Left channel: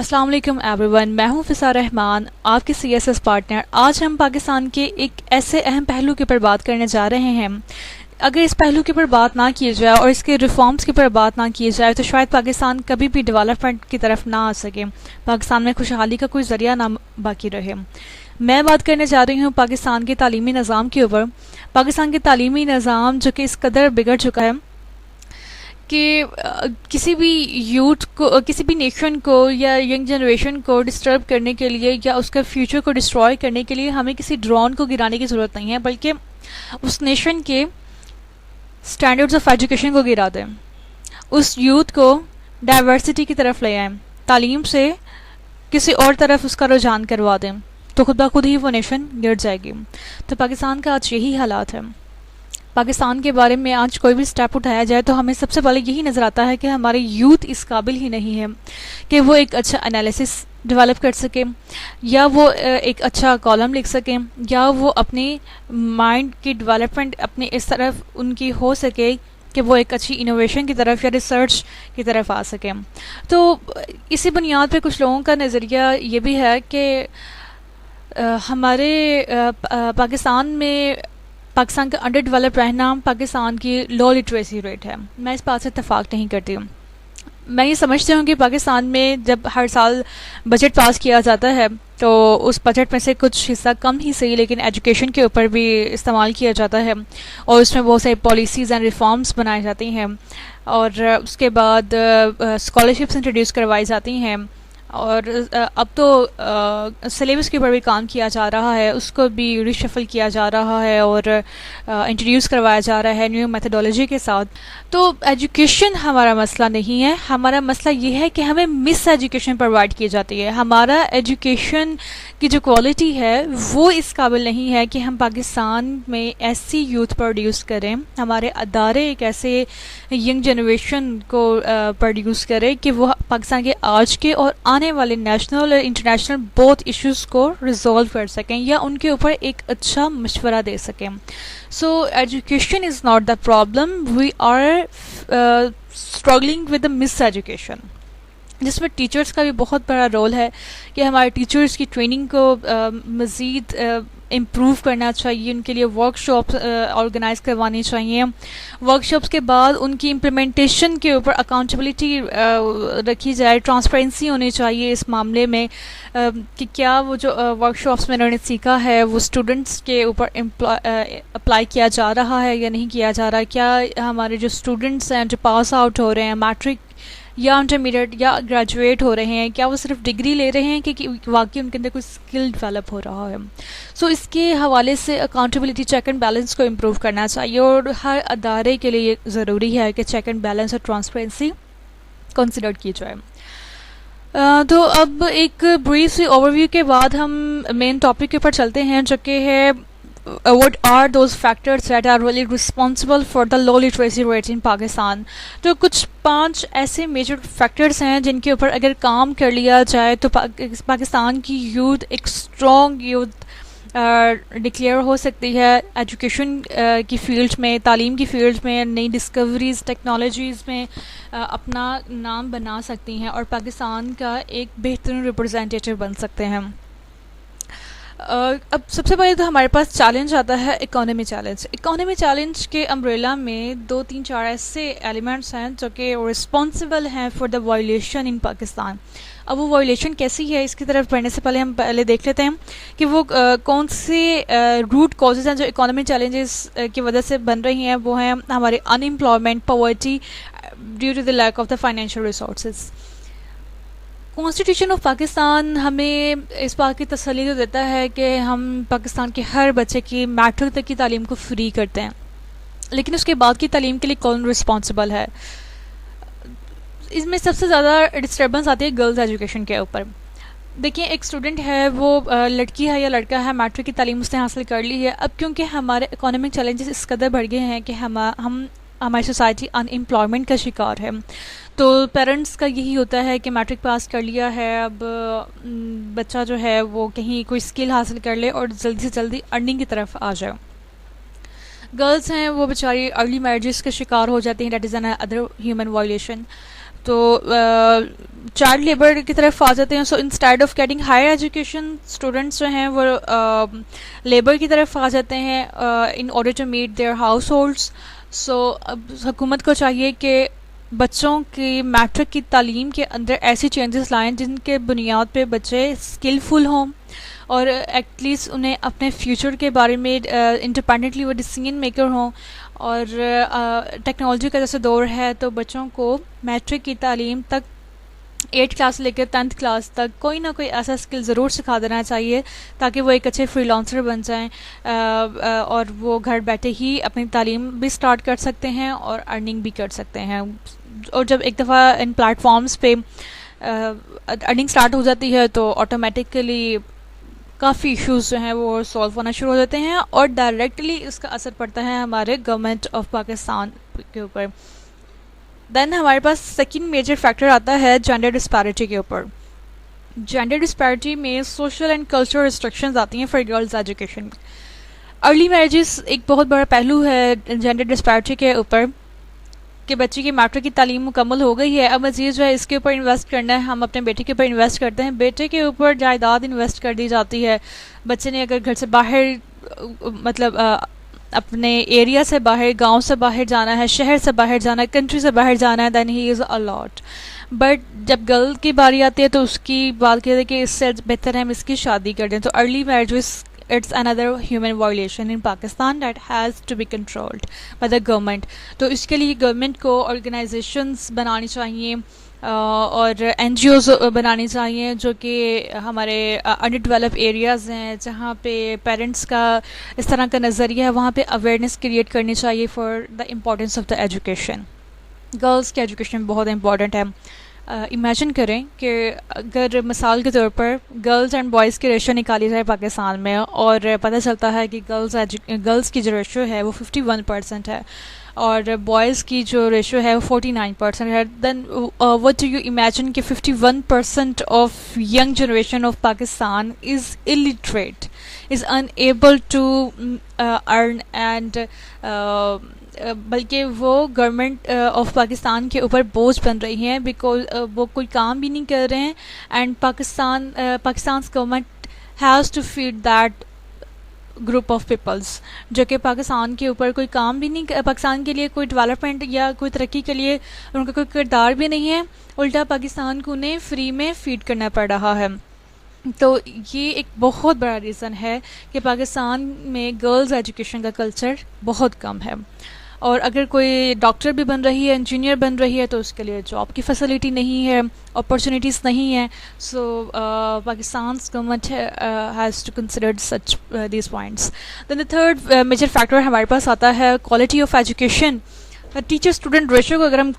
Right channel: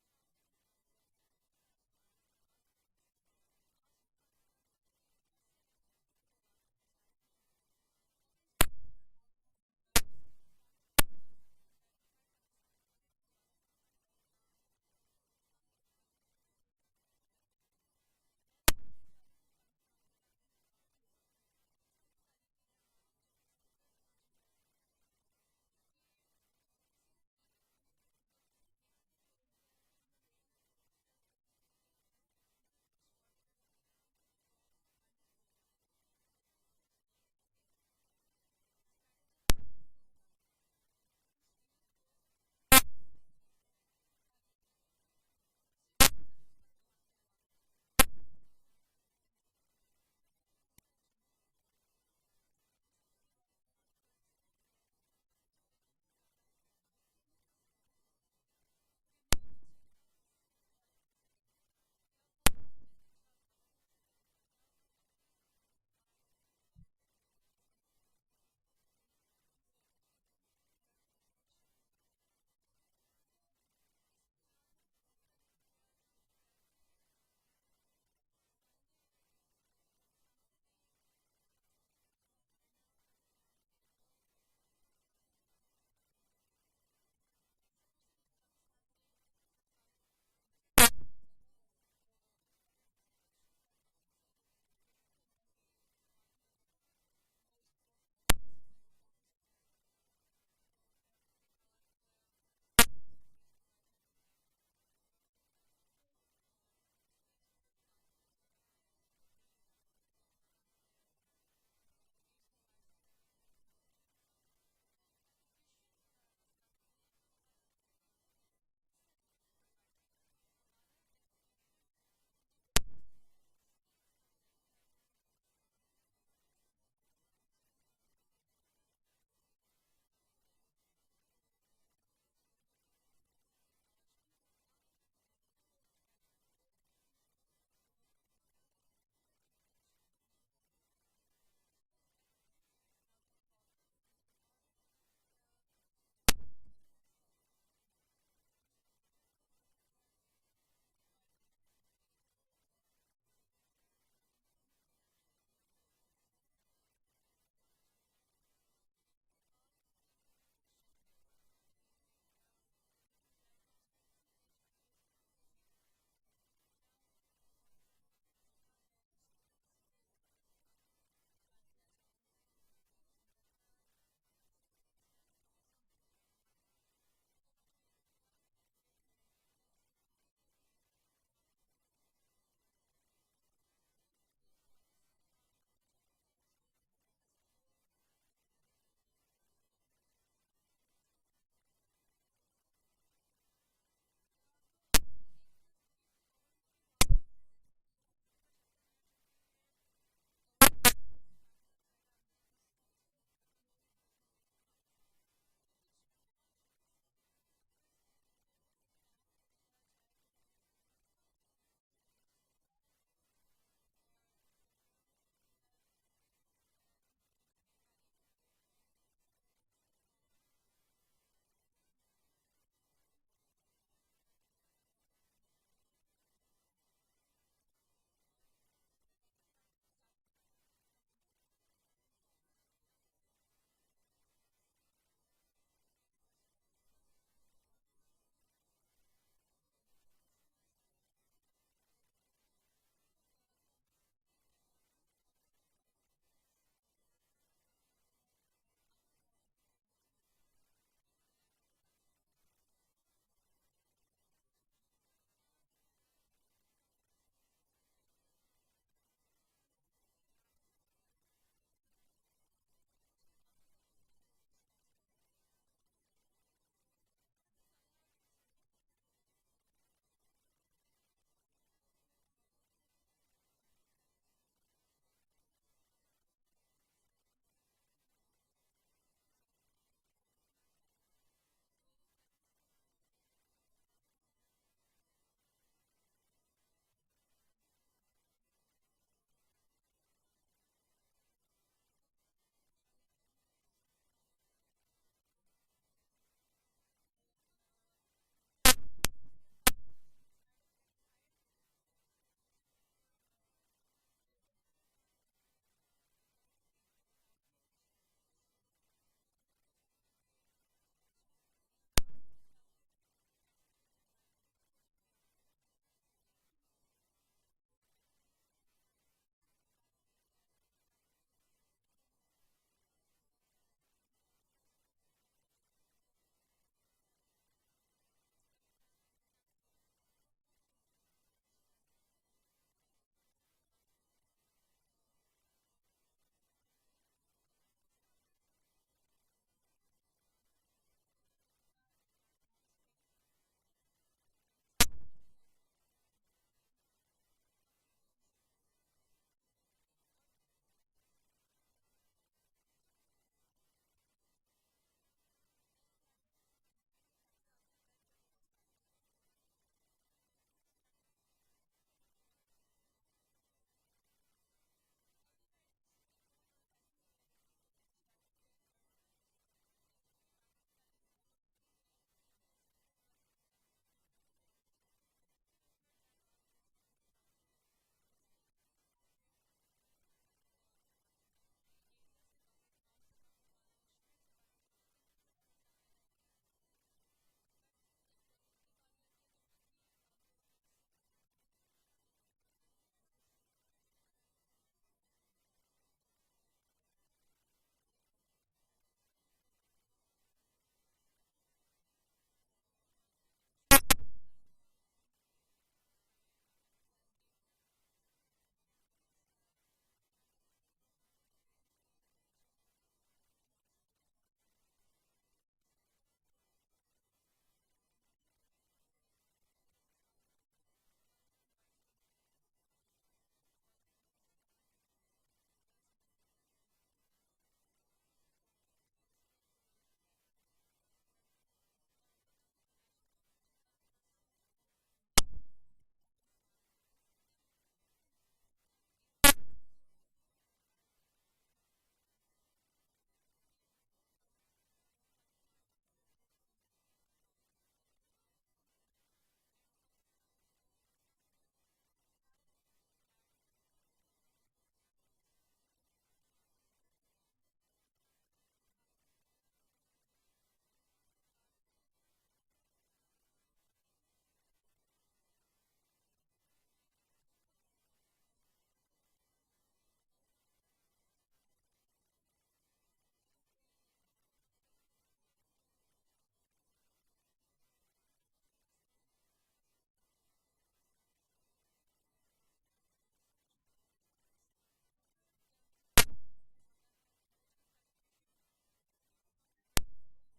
السلام علیکم every one, میں ہوں فضا رحمان، آپ کے سی ایس ایس پارٹنر۔ آج ہم پاکستان کے ایک ایسے اہم پہلو کے اوپر بات کرنے جا رہے ہیں۔ اگر اس پہلو کے اوپر بات نہ کی جائے اور اس کے ریفارمز کے اوپر بات نہ کی جائے تو شاید پاکستان کبھی بھی ڈیولپمنٹ کی طرف نہ آ سکے، پاکستان میں خوشحالی کا کوئی ذریعہ نہ باقی رہے۔ میں بات کرنے جا رہی ہوں پاکستان کے تعلیمی نظام کے اوپر۔ پاکستان کے تعلیمی نظام جو کہ اس قدر بگڑ چکا ہے کہ کسی بھی یوتھ کو، کسی بھی نیشن کو یا ینگ جنریشن کو ڈسٹرب کرنے کے لیے یا اس کا فیوچر کو ڈسٹروائے کرنے کے لیے ہمیں کسی ڈرون کو گرانے کی ضرورت نہیں ہے، بلکہ اس نیشن کے سٹینڈرڈز آف ایجوکیشن کو گرا دیں، اس یوتھ کو ڈائیورسٹی کی طرف لے آئیں، تعلیم سے کسی اور طرف اس کا رجحان کروا دیں، تو خود بخود ہی وہ نیشن گر جائے گی۔ تو پاکستان کا آج یہی حالات ہے۔ پاکستان کے بارے میں آج کوئی بھی سٹیپ اٹھایا جائے تو ہمیں سب سے پہلے یہی نظر آتا ہے کہ ہمارے یوتھ اس قابل ہی نہیں ہے کہ وہ ایک اچھا انالیسس ڈیولپ کر سکیں، یا وہ ایک اچھا کالم لکھ سکیں، یا وہ اپنی مائنڈ کی ڈیولپمنٹ اپنے اس طرف ان کی ہو سکے کہ وہ ایک اچھی انوویشن کی طرف یا ریسرچ کی طرف آ سکیں۔ تو اسی بنیاد پہ کچھ لوگوں کا نظریہ یہ بھی ہے کہ ہمارے پاکستان کا انڈر ڈیولپ رہنا پاکستان کی لو لٹریسی ریٹ ہے۔ میں اس بات سے اتفاق نہیں کرتی ہوں۔ میں یہ سمجھتی ہوں کہ پاکستان میں جب ہر سال بجٹ پاس کیا جاتا ہے تو اس بجٹ میں سے کچھ حصہ کم ہی صحیح لیکن ایجوکیشن کے اوپر بھی استعمال کیا جاتا ہے، اور اس میں بہت ساری پالیسیز اینڈ ریفارمز بنائی جاتی ہیں، اور اس کے بعد اسکالرشپس انٹروڈیوس کروائی جاتی ہیں، اور اب تو سلیبس کے اوپر بھی کام کیا جا رہا ہے، اس کو بھی ریشفل کیا جا رہا ہے اور انٹروڈیوس کروایا جا رہا ہے نیو میتھڈولوجی کے ساتھ۔ تو ایجوکیشن ہمارا مسئلہ نہیں ہے، ہمارا مسئلہ یہ ہے کہ ہمیں مس ایجوکیشن پرووائڈ کی جاتی ہے۔ ہمارا ایجوکیشن کی جو کوالٹی ہے وہ اس قابل نہیں ہے کہ ہم پاکستان میں ایسی یوتھ پروڈیوس کریں، ہمارے ادارے ایک ایسے ینگ جنریشن کو پروڈیوس کرے کہ وہ پاکستان کے آج کے اور آنے والے نیشنل اور انٹرنیشنل بہت ایشوز کو ریزالو کر سکیں یا ان کے اوپر ایک اچھا مشورہ دے سکیں۔ So education is not the problem, we are struggling with the miseducation, جس میں ٹیچرز کا بھی بہت بڑا رول ہے کہ ہمارے ٹیچرز کی ٹریننگ کو مزید امپروو کرنا چاہیے، ان کے لیے ورک شاپس آرگنائز کروانی چاہیے، ورک شاپس کے بعد ان کی امپلیمنٹیشن کے اوپر اکاؤنٹیبلٹی رکھی جائے، ٹرانسپیرنسی ہونی چاہیے اس معاملے میں کہ کیا وہ جو ورک شاپس میں انہوں نے سیکھا ہے وہ اسٹوڈنٹس کے اوپر اپلائی کیا جا رہا ہے یا نہیں کیا جا رہا، کیا ہمارے جو اسٹوڈنٹس ہیں جو پاس آؤٹ ہو رہے ہیں میٹرک یا انٹرمیڈیٹ یا گریجویٹ ہو رہے ہیں، کیا وہ صرف ڈگری لے رہے ہیں کہ واقعی ان کے اندر کوئی اسکل ڈیولپ ہو رہا ہے۔ سو اس کے حوالے سے اکاؤنٹیبلٹی، چیک اینڈ بیلنس کو امپروو کرنا چاہیے، اور ہر ادارے کے لیے یہ ضروری ہے کہ چیک اینڈ بیلنس اور ٹرانسپیرنسی کنسیڈر کی جائے۔ تو اب ایک بریف سی اوور ویو کے بعد ہم مین ٹاپک کے اوپر چلتے ہیں، جو کہ ہے what are those factors that are really responsible for the low literacy rates in Pakistan۔ تو کچھ 5 ایسے میجر فیکٹرز ہیں جن کے اوپر اگر کام کر لیا جائے تو پاکستان کی یوتھ ایک اسٹرانگ یوتھ ڈکلیئر ہو سکتی ہے، ایجوکیشن کی فیلڈ میں، تعلیم کی فیلڈ میں، نئی ڈسکوریز ٹیکنالوجیز میں اپنا نام بنا سکتی ہیں اور پاکستان کا ایک بہترین ریپرزینٹیٹیو بن سکتے ہیں۔ اب سب سے پہلے تو ہمارے پاس چیلنج آتا ہے اکانومی چیلنج۔ اکانومی چیلنج کے امبریلا میں 2-3-4 ایسے ایلیمنٹس ہیں جو کہ رسپانسبل ہیں فار دا وائلیشن ان پاکستان۔ اب وہ وائلیشن کیسی ہے، اس کی طرف بڑھنے سے پہلے ہم پہلے دیکھ لیتے ہیں کہ وہ کون سے روٹ کازز ہیں جو اکانومی چیلنجز کی وجہ سے بن رہی ہیں۔ وہ ہیں ہمارے unemployment, poverty due to the lack of the financial resources. Constitution of Pakistan ہمیں اس بات کی تسلی تو دیتا ہے کہ ہم پاکستان کے ہر بچے کی میٹرک تک کی تعلیم کو فری کرتے ہیں، لیکن اس کے بعد کی تعلیم کے لیے کون رسپانسبل ہے؟ اس میں سب سے زیادہ ڈسٹربنس آتی ہے گرلز ایجوکیشن کے اوپر۔ دیکھیں، ایک اسٹوڈنٹ ہے، وہ لڑکی ہے یا لڑکا ہے، میٹرک کی تعلیم اس نے حاصل کر لی ہے، اب کیونکہ ہمارے اکانومک چیلنجز اس قدر بڑھ گئے ہیں کہ ہماری سوسائٹی ان امپلائمنٹ کا شکار ہے، تو پیرنٹس کا یہی ہوتا ہے کہ میٹرک پاس کر لیا ہے، اب بچہ جو ہے وہ کہیں کوئی اسکل حاصل کر لے اور جلدی سے جلدی ارننگ کی طرف آ جائے۔ گرلز ہیں وہ بیچاری ارلی میرجز کا شکار ہو جاتی ہیں، that is an other human violation. تو چائلڈ لیبر کی طرف آ جاتے ہیں. So instead of getting higher education students جو ہیں وہ لیبر کی طرف آ جاتے ہیں in order to meet their households. So اب حکومت کو چاہیے کہ بچوں کی میٹرک کی تعلیم کے اندر ایسی چینجز لائیں جن کے بنیاد پہ بچے اسکلفل ہوں اور ایٹ لیسٹ انہیں اپنے فیوچر کے بارے میں انڈیپینڈنٹلی وہ ڈیسیژن میکر ہوں. اور ٹیکنالوجی کا جیسے دور ہے تو بچوں کو میٹرک کی تعلیم تک 8 کلاس سے لے کے 10th کلاس تک کوئی نہ کوئی ایسا اسکل ضرور سکھا دینا چاہیے تاکہ وہ ایک اچھے فری لانسر بن جائیں اور وہ گھر بیٹھے ہی اپنی تعلیم بھی سٹارٹ کر سکتے ہیں اور ارننگ بھی کر سکتے ہیں. اور جب ایک دفعہ ان پلیٹ فارمز پہ ارننگ سٹارٹ ہو جاتی ہے تو آٹومیٹکلی کافی ایشوز جو ہیں وہ سولو ہونا شروع ہو جاتے ہیں اور ڈائریکٹلی اس کا اثر پڑتا ہے ہمارے گورنمنٹ آف پاکستان کے اوپر. دین ہمارے پاس سیکنڈ میجر فیکٹر آتا ہے جینڈر ڈسپیرٹی کے اوپر. جینڈر ڈسپیرٹی میں سوشل اینڈ کلچرل ریسٹرکشنز آتی ہیں for girls education. Early marriages ایک بہت بڑا پہلو ہے جینڈر ڈسپیرٹی کے اوپر کہ بچے کی میٹرک کی تعلیم مکمل ہو گئی ہے, اب مزید جو ہے اس کے اوپر انویسٹ کرنا ہے. ہم اپنے بیٹے کے اوپر انویسٹ کرتے ہیں, بیٹے کے اوپر جائیداد انویسٹ کر دی جاتی ہے. بچے نے اگر گھر سے باہر مطلب اپنے ایریا سے باہر, گاؤں سے باہر جانا ہے, شہر سے باہر جانا ہے, کنٹری سے باہر جانا ہے, دین ہی از الاٹ. بٹ جب گرل کی باری آتی ہے تو اس کی بات کہتے ہیں کہ اس سے بہتر ہے ہم اس کی شادی کر دیں. تو early marriage it's another human violation in Pakistan that has to be controlled by the government. تو اس کے لیے گورنمنٹ کو آرگنائزیشنز بنانی چاہیے اور این جی اوز بنانی چاہیے جو کہ ہمارے انڈر ڈیولپ ایریاز ہیں جہاں پہ پیرنٹس کا اس طرح کا نظریہ ہے, وہاں پہ اویئرنیس کریٹ کرنی چاہیے for the importance of the education. Girls کی ایجوکیشن بہت امپورٹنٹ ہے. امیجن کریں کہ اگر مثال کے طور پر گرلز اینڈ بوائز کی ریشو نکالی جائے پاکستان میں اور پتہ چلتا ہے کہ گرلز کی جو ریشو ہے وہ 51% ہے اور بوائز کی جو ریشو ہے وہ 49% ہے, then what do you imagine کہ 51% of young generation of Pakistan is illiterate, is unable to earn and بلکہ وہ گورنمنٹ آف پاکستان کے اوپر بوجھ بن رہی ہیں بیکاز وہ کوئی کام بھی نہیں کر رہے ہیں. And Pakistan's government has to feed that group of peoples جو کہ پاکستان کے اوپر کوئی کام بھی نہیں, پاکستان کے لیے کوئی ڈیولپمنٹ یا کوئی ترقی کے لیے ان کا کوئی کردار بھی نہیں ہے, الٹا پاکستان کو انہیں فری میں فیڈ کرنا پڑ رہا ہے. تو یہ ایک بہت بڑا ریزن ہے کہ پاکستان میں گرلز ایجوکیشن کا کلچر بہت کم ہے. اور اگر کوئی ڈاکٹر بھی بن رہی ہے, انجینئر بن رہی ہے تو اس کے لیے جاب کی فیسلٹی نہیں ہے, اپرچونیٹیز نہیں ہیں. So Pakistan's government has to consider such these points. Then the third major factor ہمارے پاس آتا ہے quality of education. Teacher student ratio کو اگر ہم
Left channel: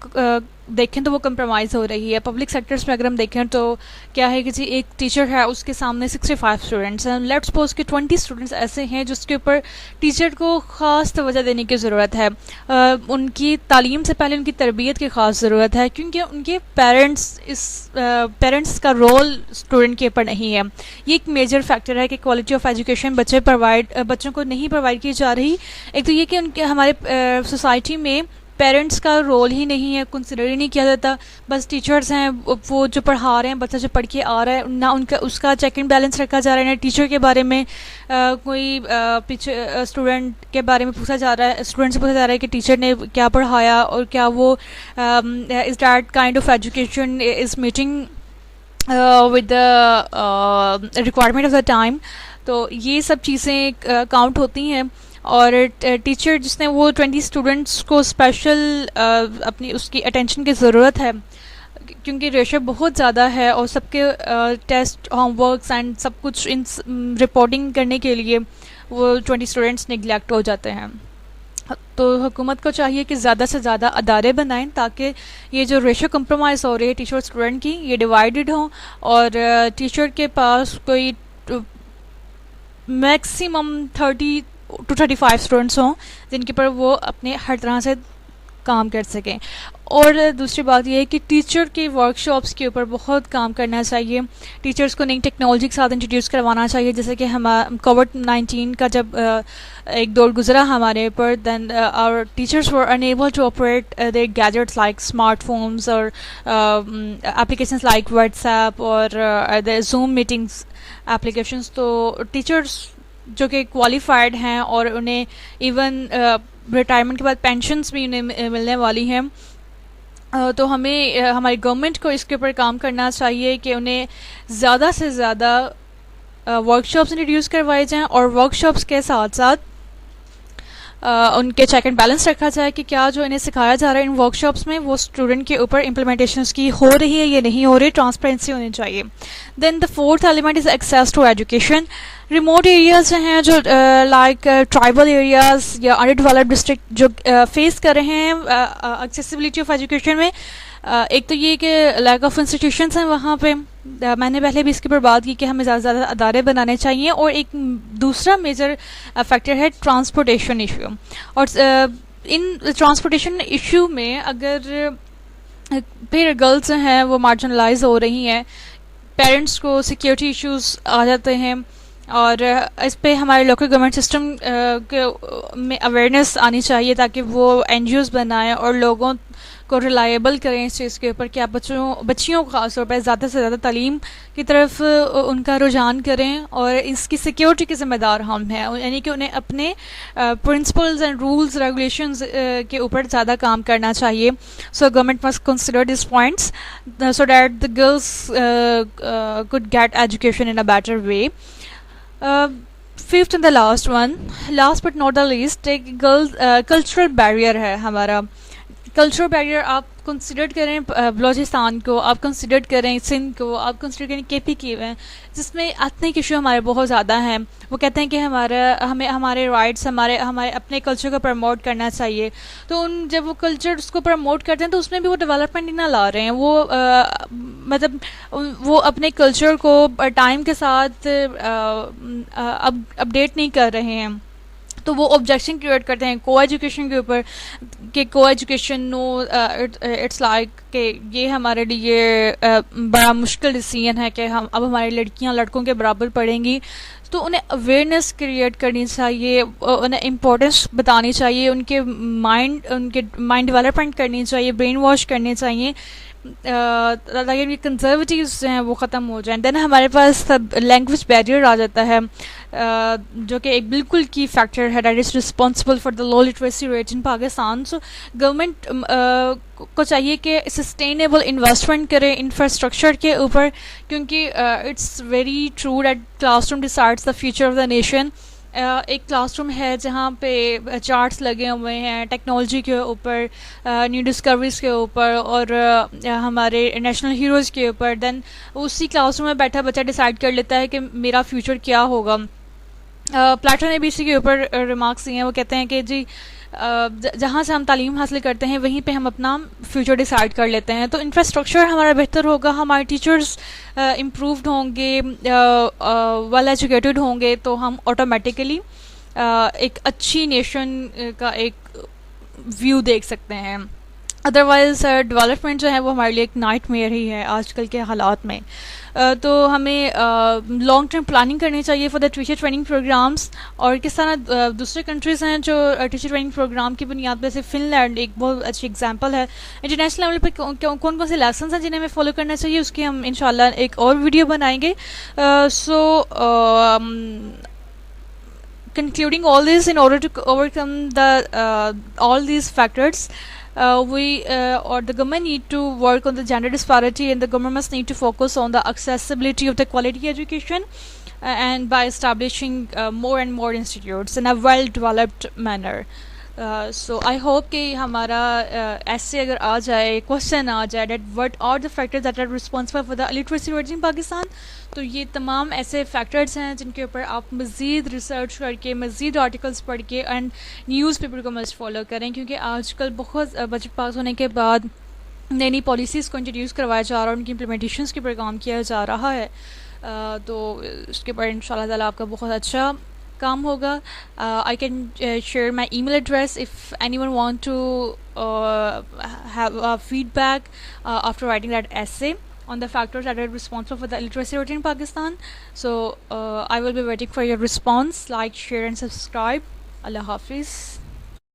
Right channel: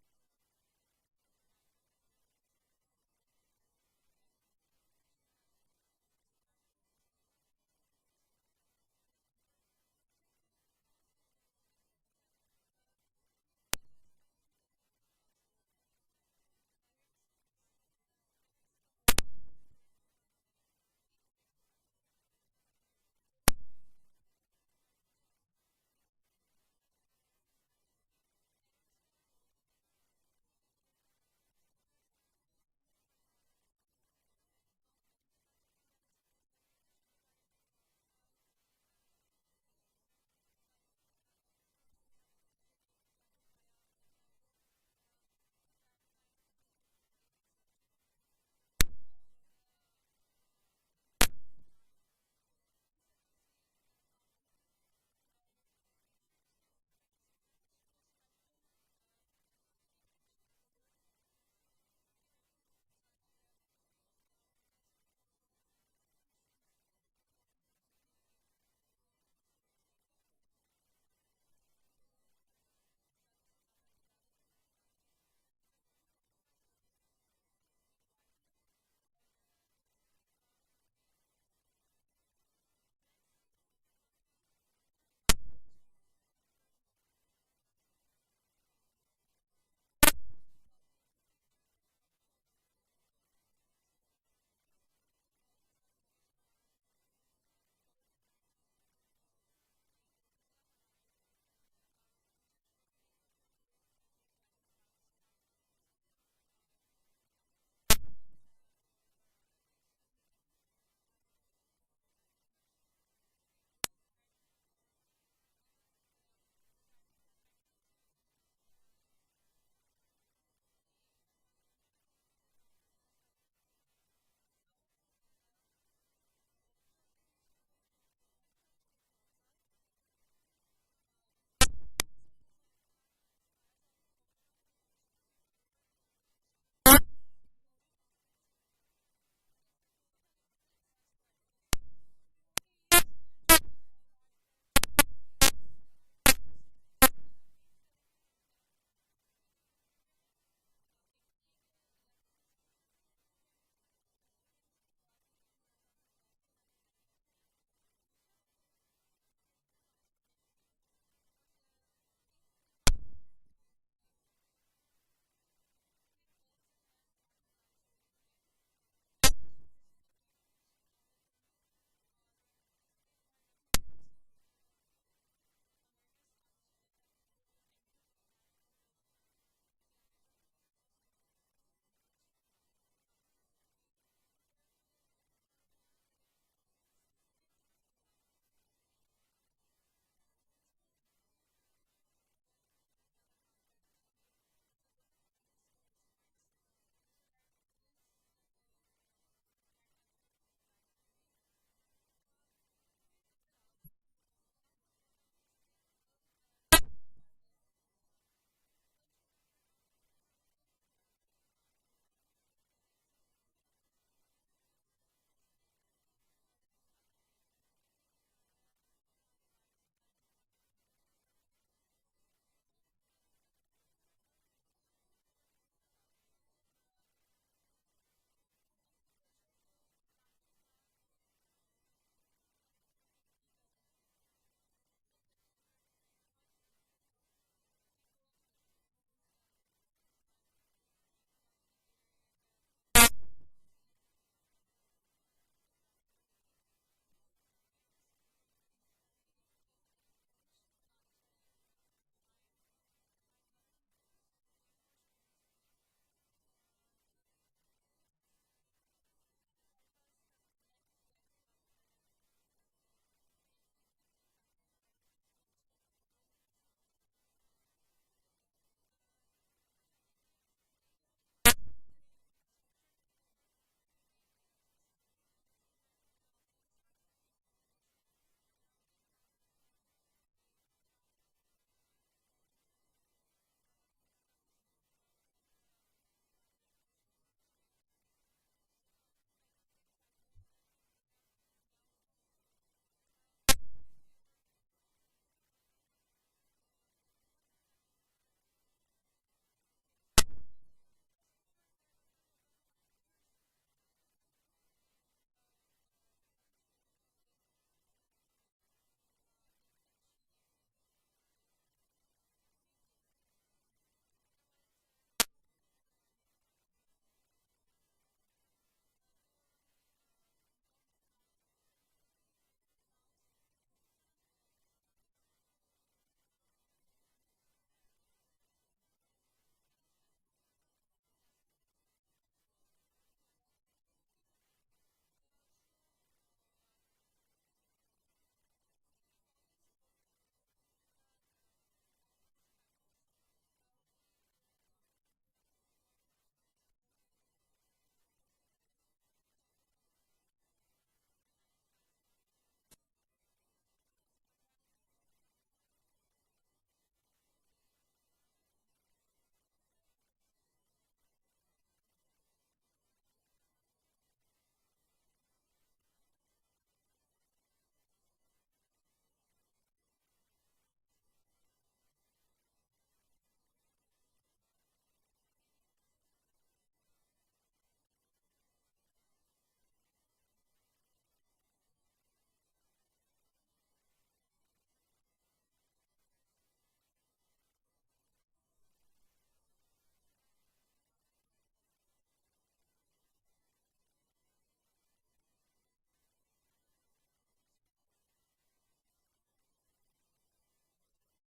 دیکھیں تو وہ کمپرومائز ہو رہی ہے. پبلک سیکٹرز میں اگر ہم دیکھیں تو کیا ہے کہ جی ایک ٹیچر ہے اس کے سامنے 65 اسٹوڈنٹس ہیں. لیٹس سپوز کہ 20 اسٹوڈنٹس ایسے ہیں جس کے اوپر ٹیچر کو خاص توجہ دینے کی ضرورت ہے. ان کی تعلیم سے پہلے ان کی تربیت کی خاص ضرورت ہے کیونکہ ان کے پیرنٹس کا رول اسٹوڈنٹ کے اوپر نہیں ہے. یہ ایک میجر فیکٹر ہے کہ کوالٹی آف ایجوکیشن بچوں کو نہیں پرووائڈ کی جا رہی. ایک تو یہ کہ ان کے ہمارے سوسائٹی میں پیرنٹس کا رول ہی نہیں ہے, کنسیڈر ہی نہیں کیا جاتا. بس ٹیچرز ہیں وہ جو پڑھا رہے ہیں, بچہ جو پڑھ کے آ رہا ہے نہ ان کا اس کا چیک اینڈ بیلنس رکھا جا رہا ہے, نہ ٹیچر کے بارے میں کوئی پیچھے اسٹوڈنٹ کے بارے میں پوچھا جا رہا ہے, اسٹوڈنٹ سے پوچھا جا رہا ہے کہ ٹیچر نے کیا پڑھایا اور کیا وہ is that kind of education is meeting with the requirement of the time. تو یہ سب چیزیں کاؤنٹ ہوتی ہیں. اور ٹیچر جس نے وہ 20 اسٹوڈنٹس کو اسپیشل اپنی اس کی اٹینشن کی ضرورت ہے کیونکہ ریشو بہت زیادہ ہے اور سب کے ٹیسٹ, ہوم ورکس اینڈ سب کچھ ان رپورٹنگ کرنے کے لیے وہ 20 اسٹوڈنٹس نگلیکٹ ہو جاتے ہیں. تو حکومت کو چاہیے کہ زیادہ سے زیادہ ادارے بنائیں تاکہ یہ جو ریشو کمپرومائز ہو رہی ہے ٹیچر اسٹوڈنٹ کی یہ ڈیوائیڈڈ ہوں اور ٹیچر کے پاس کوئی میکسیمم 30 to 35 اسٹوڈنٹس ہوں جن کے پر وہ اپنے ہر طرح سے کام کر سکیں. اور دوسری بات یہ ہے کہ ٹیچر کے ورک شاپس کے اوپر بہت کام کرنا چاہیے. ٹیچرس کو نئی ٹیکنالوجی کے ساتھ انٹروڈیوس کروانا چاہیے, جیسے کہ کووڈ-19 کا جب ایک دور گزرا ہمارے اوپر, دین our teachers were unable to operate their gadgets like smartphones or applications like WhatsApp or the Zoom meetings applications. تو ٹیچرس جو کہ کوالیفائڈ ہیں اور انہیں ایون ریٹائرمنٹ کے بعد پینشنس بھی انہیں ملنے والی ہیں, تو ہمیں ہماری گورنمنٹ کو اس کے اوپر کام کرنا چاہیے کہ انہیں زیادہ سے زیادہ ورک شاپس انٹروڈیوس کروائے جائیں, اور ورک شاپس کے ساتھ ساتھ ان کے چیک اینڈ بیلنس رکھا جائے کہ کیا جو انہیں سکھایا جا رہا ہے ان ورک شاپس میں وہ اسٹوڈنٹ کے اوپر امپلیمنٹیشنس کی ہو رہی ہے یا نہیں ہو رہی, ٹرانسپیرنسی ہونی چاہیے. Then the fourth element is access to education. Remote areas ہیں جو لائک ٹرائبل ایریاز یا انڈر ڈیولپڈ ڈسٹرکٹ جو فیس کر رہے ہیں ایکسیسیبلٹی آف ایجوکیشن میں, ایک تو یہ کہ لیک آف انسٹیٹیوشنس ہیں وہاں پہ, میں نے پہلے بھی اس کے اوپر بات کی کہ ہمیں زیادہ سے زیادہ ادارے بنانے چاہیے, اور ایک دوسرا میجر فیکٹر ہے ٹرانسپورٹیشن ایشو. اور ان ٹرانسپورٹیشن ایشو میں اگر پھر گرلز ہیں وہ مارجنلائز ہو رہی ہیں, پیرنٹس کو سیکیورٹی ایشوز آ جاتے ہیں, اور اس پہ ہمارے لوکل گورنمنٹ سسٹم میں اویئرنیس آنی چاہیے تاکہ وہ این جی اوز بنائیں اور لوگوں کو ریلائبل کریں اس چیز کے اوپر کہ آپ بچیوں کو خاص طور پہ زیادہ سے زیادہ تعلیم کی طرف ان کا رجحان کریں, اور اس کی سیکیورٹی کے ذمہ دار ہم ہیں, یعنی کہ انہیں اپنے پرنسپلز اینڈ رولز ریگولیشنز کے اوپر زیادہ کام کرنا چاہیے. So government must consider these points so that the girls could get education in a better way. Fifth and the last but not the least, ایک cultural barrier ہے ہمارا. Cultural barrier آپ کنسیڈر کریں بلوچستان کو, آپ کنسیڈر کریں سندھ کو, آپ کنسیڈر کریں کے پی کی میں, جس میں ایتھنک ایشو ہمارے بہت زیادہ ہیں. وہ کہتے ہیں کہ ہمیں ہمارے رائٹس ہمارے اپنے کلچر کو پروموٹ کرنا چاہیے, تو جب وہ کلچر اس کو پروموٹ کرتے ہیں تو اس میں بھی وہ ڈیولپمنٹ نہ لا رہے ہیں, وہ مطلب وہ اپنے کلچر کو ٹائم کے ساتھ اپڈیٹ نہیں کر رہے ہیں. تو وہ آبجیکشن کریٹ کرتے ہیں کو ایجوکیشن کے اوپر کہ کو ایجوکیشن نو اٹس لائک کہ یہ ہمارے لیے بڑا مشکل ڈیسیژن ہے کہ اب ہماری لڑکیاں لڑکوں کے برابر پڑھیں گی. تو انہیں اویئرنیس کریٹ کرنی چاہیے, انہیں امپورٹنس بتانی چاہیے, ان کے مائنڈ ڈیولپمنٹ کرنی چاہیے, برین واش کرنے چاہیے تاکہ یہ کنزرویٹیوز ہیں وہ ختم ہو جائیں. دین ہمارے پاس لینگویج بیریئر آ جاتا ہے جو کہ ایک بالکل کی فیکٹر ہے that is responsible for the low literacy rate in Pakistan. So government کو چاہیے کہ سسٹینیبل انویسٹمنٹ کرے انفراسٹرکچر کے اوپر, کیونکہ it's very true that classroom decides the future of the nation. ایک کلاس روم ہے جہاں پہ چارٹس لگے ہوئے ہیں ٹیکنالوجی کے اوپر, نیو ڈسکوریز کے اوپر, اور ہمارے نیشنل ہیروز کے اوپر. دین اسی کلاس روم میں بیٹھا بچہ ڈیسائیڈ کر لیتا ہے کہ میرا فیوچر کیا ہوگا. پلاٹو نے بھی اسی کے اوپر ریمارکس دیے ہیں. وہ کہتے ہیں کہ جی جہاں سے ہم تعلیم حاصل کرتے ہیں وہیں پہ ہم اپنا فیوچر ڈیسائیڈ کر لیتے ہیں. تو انفراسٹرکچر ہمارا بہتر ہوگا, ہمارے ٹیچرز امپرووڈ ہوں گے, ویل ایجوکیٹڈ ہوں گے, تو ہم آٹومیٹیکلی ایک اچھی نیشن کا ایک ویو دیکھ سکتے ہیں. ادروائز ڈیولپمنٹ جو ہے وہ ہمارے لیے ایک نائٹ میئر ہی ہے آج کل کے حالات میں. تو ہمیں لانگ ٹرم پلاننگ کرنی چاہیے for the teacher training programmes. اور کس طرح دوسرے کنٹریز ہیں جو ٹیچر ٹریننگ پروگرام کی بنیاد پہ, جیسے فن لینڈ ایک بہت اچھی اگزامپل ہے. انٹرنیشنل لیول پہ کون کون سے لیسنس ہیں جنہیں ہمیں فالو کرنا چاہیے, اس کی ہم انشاءاللہ ایک اور ویڈیو بنائیں گے. سو concluding all this, in order to overcome all these factors, or the government need to work on the gender disparity, and the government must need to focus on the accessibility of the quality education, and by establishing more and more institutes in a well developed manner. So I hope کہ ہمارا ایسے اگر آ جائے, question آ جائے that what are the factors that are responsible for the illiteracy rate in Pakistan, تو یہ تمام ایسے فیکٹرز ہیں جن کے اوپر آپ مزید ریسرچ کر کے, مزید آرٹیکلس پڑھ کے, اینڈ نیوز پیپر کو مست فالو کریں, کیونکہ آج کل بہت بجٹ پاس ہونے کے بعد نئی نئی پالیسیز کو انٹروڈیوس کروایا جا رہا ہے اور ان کی امپلیمنٹیشنس کے اوپر کام کیا جا رہا ہے. تو اس کے اوپر ان شاء اللہ تعالیٰ آپ کا بہت اچھا کام ہوگا. I can share my email address if anyone want to have feedback after writing that essay on the factors that are responsible for the illiteracy rate in Pakistan. So I will be waiting for your response. Like, share, and subscribe. Allah Hafiz.